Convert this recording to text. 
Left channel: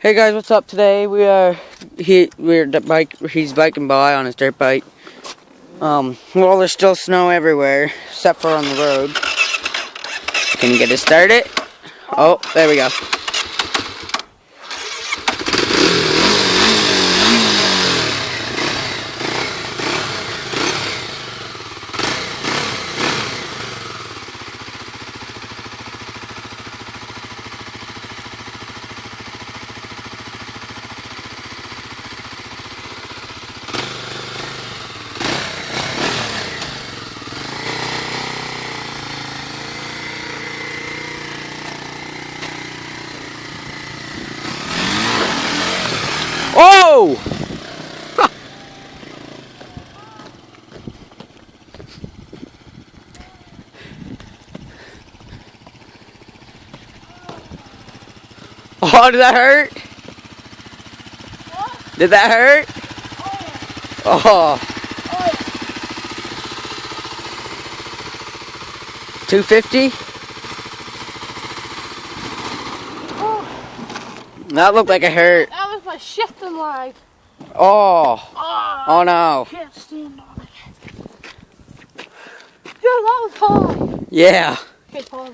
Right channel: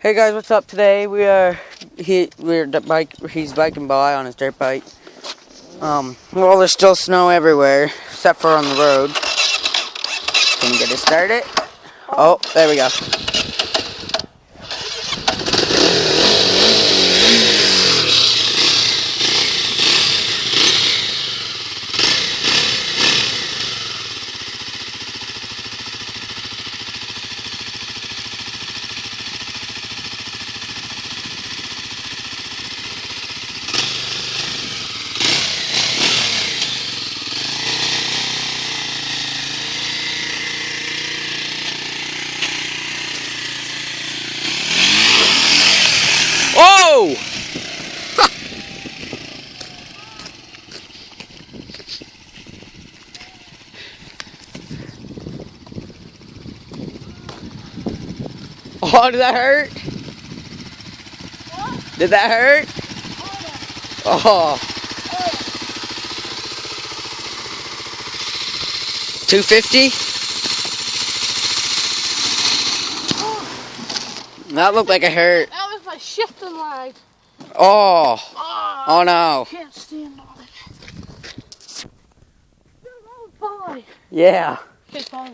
Hey guys, what's up? Today he's biking by on his dirt bike. Well, there's still snow everywhere except for on the road. Can you get it started? Oh, there we go. Oh! Oh, did that hurt? What? Did that hurt? Oh, yeah. Oh, Oh, yeah. 250? That looked like it hurt. That was my shifting leg. Oh, Oh, oh no. I can't stand on it. Dude, that was hard. Yeah. Can't fall